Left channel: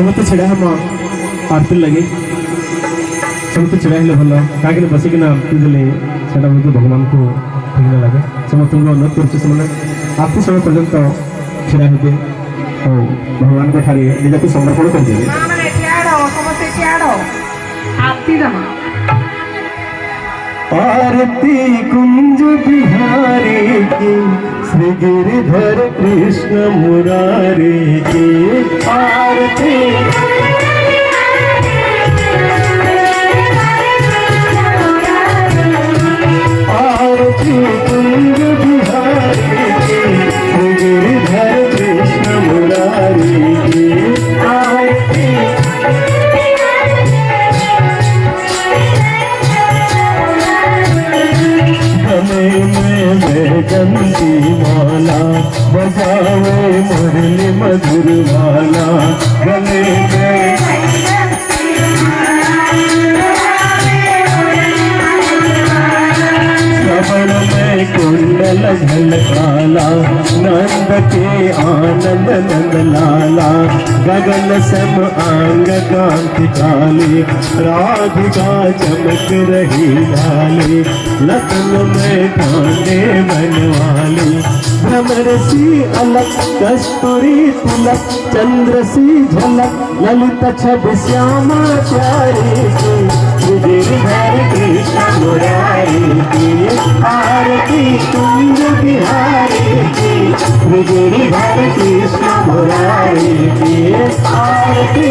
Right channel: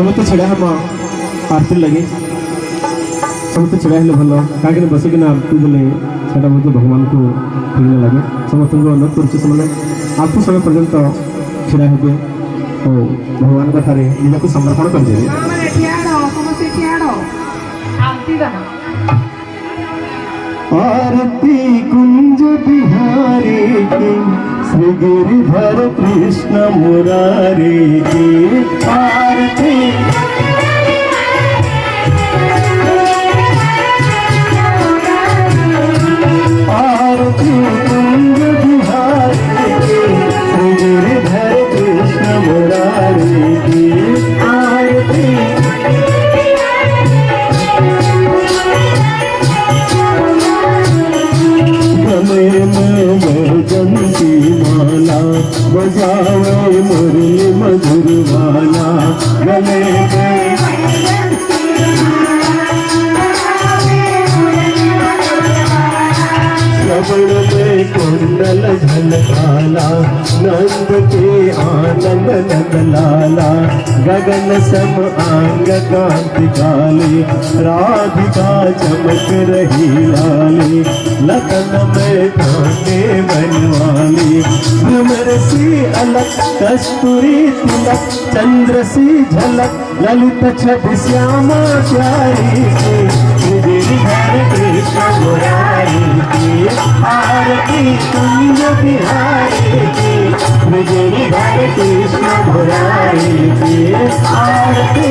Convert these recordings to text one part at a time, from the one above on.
समस्त छेड़ा हम आरती लगे समस्त छेड़ा हेले भल कहीं बसिकिना आरती देले सेटा बहुत भगवान को ठीक न लगे समस्त अनुरोध कर आरती समय पर्यंत छेड़ा हे और भगवान को ठारे निजक समर्पण कर दे आरती कुंज बिहारी की श्री गिरिधर कृष्ण मुरारी की आरती आरती कुंज बिहारी की श्री गिरिधर कृष्ण मुरारी की आरती गले में बैजंती माला बजावे मुरली मधुर गाना गले में सबड़ में कुंडल झलकाला नंद के आनंद नंद लाला गगन सम अंग कांति काली राधिका चमक रही लाली लखन में कांटे बनवाली भ्रमर सी अलक कस्तूरी तिलक चंद्र सी झलक ललित छवि श्यामा प्यारी की गिरिधर कृष्ण मुरारी की आरती कुंज बिहारी की गिरिधर कृष्ण मुरारी की आरती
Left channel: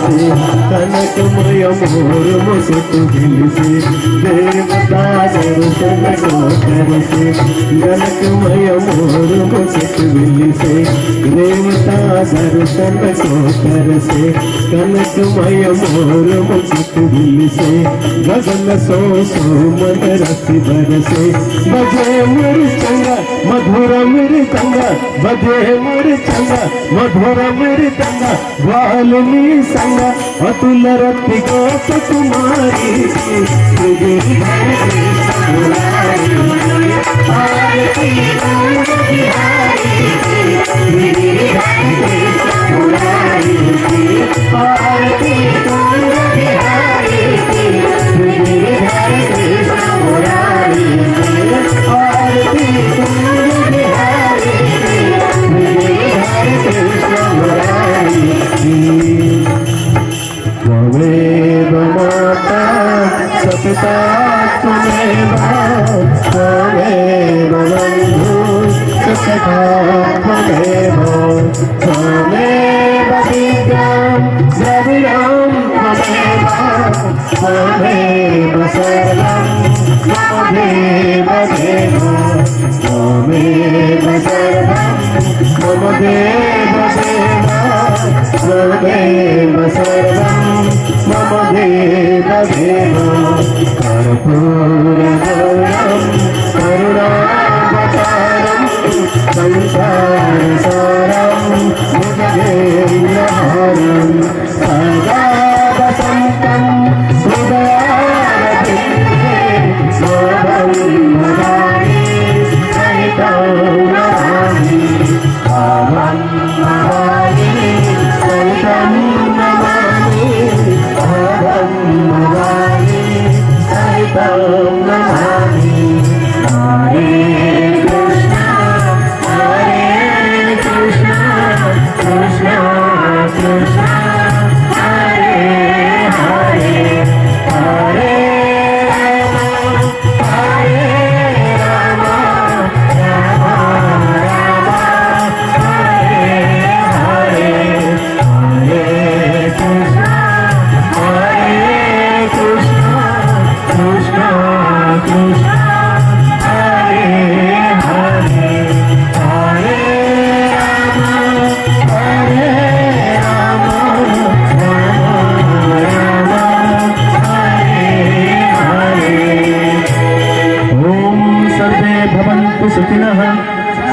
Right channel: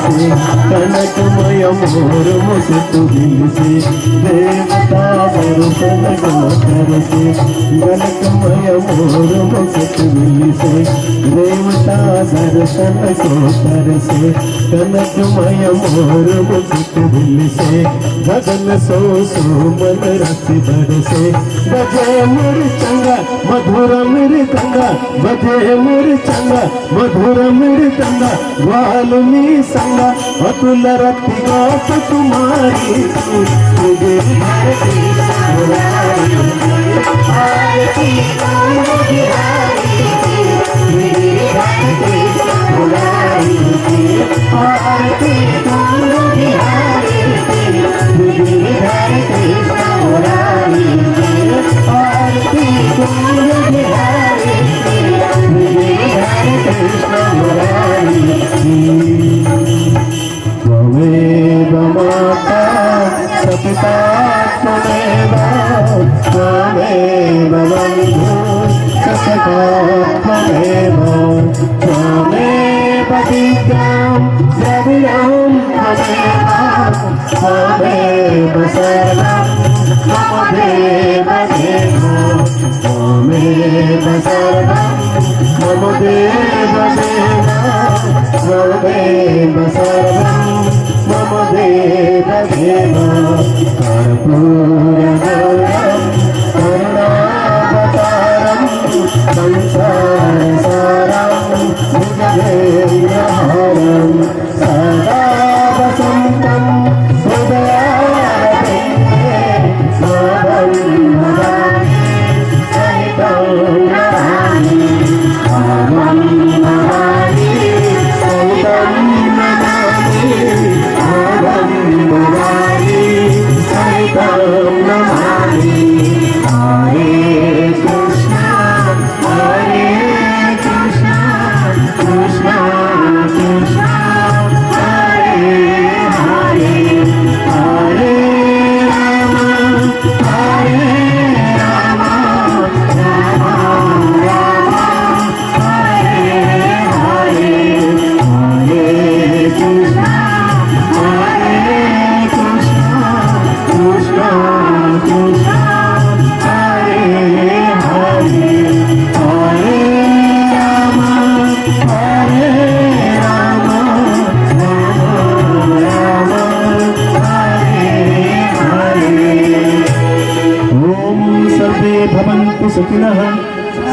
से कनकमय मोर मुकुट दिल से देवता दर्शन को कर से कनकमय मोर मुकुट दिल से देवता दर्शन को कर से कनकमय मोर मुकुट दिल से गगन सो मन रस धर से बजे मोर चंगा मधुर मेरे चंगा बजे मोर चंगा मधुर मेरे चंगा वाल्मी संग अतुल रति गोप तुम्हारी गिरिधर कृष्ण मुरारी आरती कुंज बिहारी गिरिधर कृष्ण मुरारी आरती कुंज बिहारी गिरिधर कृष्ण मुरारी आरती कुंज बिहारी गिरिधर कृष्ण मुरारी त्वमेव माता सपिता त्वमेव त्वमेव बन्धु सखा त्वमेव त्वमेव विद्यां द्रविणां त्वमेव त्वमेव सर्वं मम देव त्वमेव सर्वं मम देव त्वमेव सर्वं मम देव कर्पूरगौरं करुणावतारं संसारसारं भुजगेन्द्रहारं सदा वसन्तं हृदयारविन्दे